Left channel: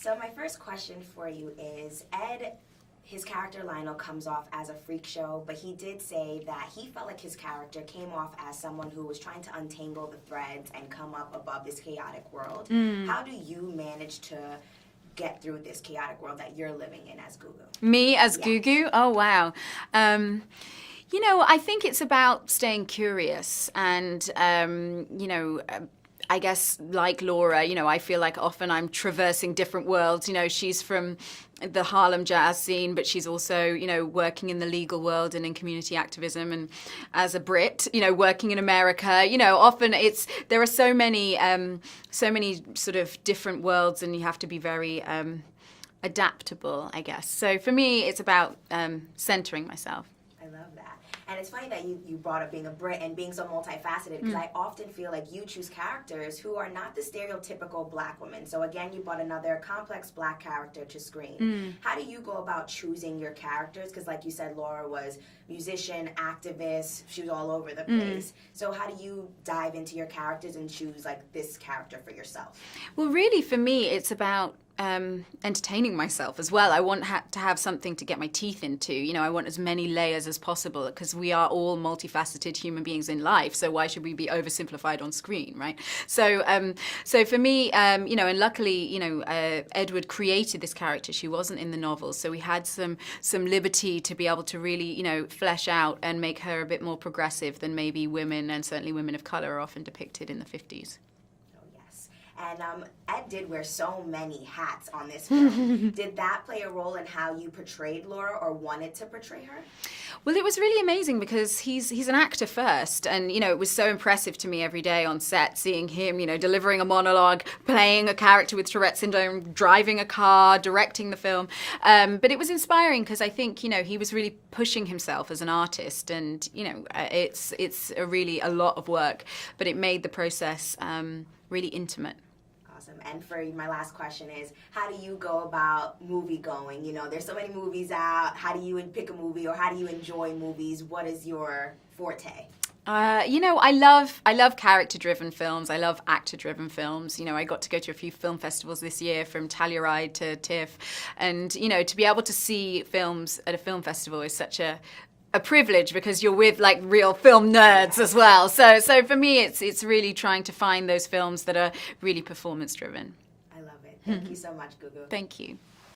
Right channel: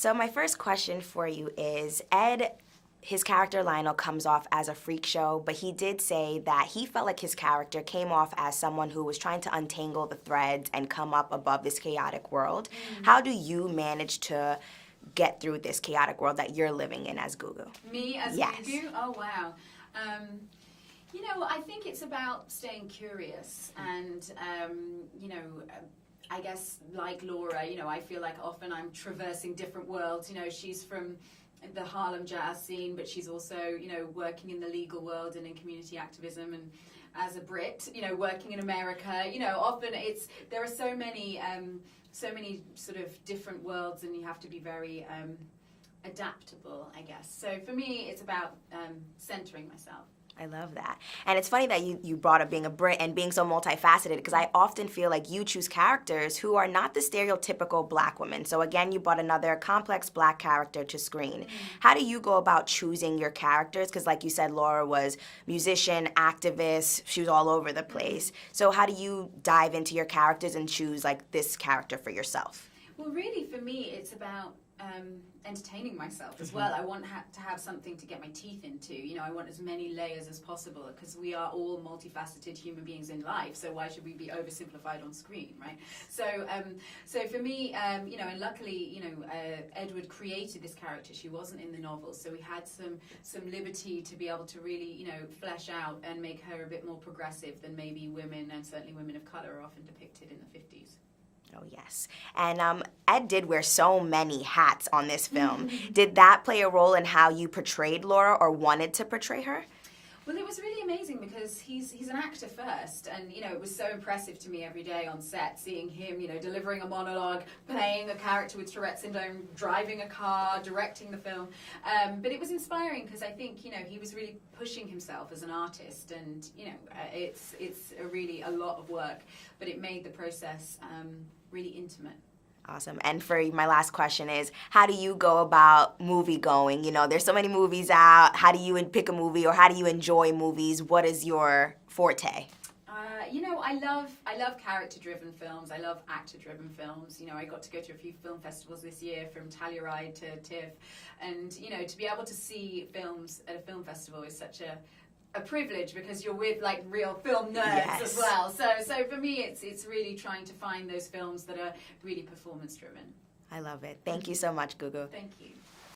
So my first question for you is, Ed, his character Lionel comes off as a freak show, but he did say that he felt like his character came off as someone who was trying to untangle the threads and come up above this chaotic world. How do you manage to get through this chaotic world that you're living in as Gugu? Me as Yes. Gugu? Oh, wow. You know, I think it's about staying curious and, you know, I guess like Laura, you know, I feel like often I'm traversing different worlds. You know, she's from the Harlem jazz scene, but she's also, you know, working in the legal world and in community activism. And as a Brit, you know, working in America, you know, often there are so many sort of different worlds, and you have to be very adaptable, I guess. So for me, it's about centering myself. I love that. And it's funny that you brought up being a Brit and being so multifaceted, because I often feel like you choose characters who are not the stereotypical black women. So again, you brought another complex black character to screen. How do you go about choosing your characters? Because like you said, Laura was musician, activist, she was all over the place. So how do you dive into your characters and choose like this character for yourself? Well, really for me, it's about entertaining myself as well. I want to have something to get my teeth into. You know, I want as many layers as possible, because we are all multifaceted human beings in life. So why should we be oversimplified on screen, right? So, so for me, you know, and luckily, you know, Edward created this character. She wasn't in the novel, so we had some liberty to be able to really, you know, flesh out and make her a bit more progressive than maybe women, and certainly women of color, are often depicted in the 50s. Yes. And Ed did wear so many hats on this film. Did that play a role in how you portrayed Laura or wanted to portray her? Well, it was really amazing because he's an actor first, and you know, it was so impressive to me every day on set seeing him, you know, delivering a monologue, playing a character with Tourette syndrome, driving a car, directing the film. But it was inspiring because I think, you know, he was really pushing himself as an artist, and you know, it's really a lot of work, but it made the process really intimate. Awesome. And for my last question is, how do you go about movie going? You know, there's so many movies out. How do you pick a movie, or how do you enjoy movies? What is your forte? You know, I love character-driven films. I love actor-driven films. You know, I got to go to a few film festivals this year, from Telluride to TIFF, and you know, to be able to see films at a film festival is such a privilege, because you're with like real film nerds as well. So for me, it's really trying to find those films that are really performance driven. I love it. Thank you so much, Gugu. Thank you.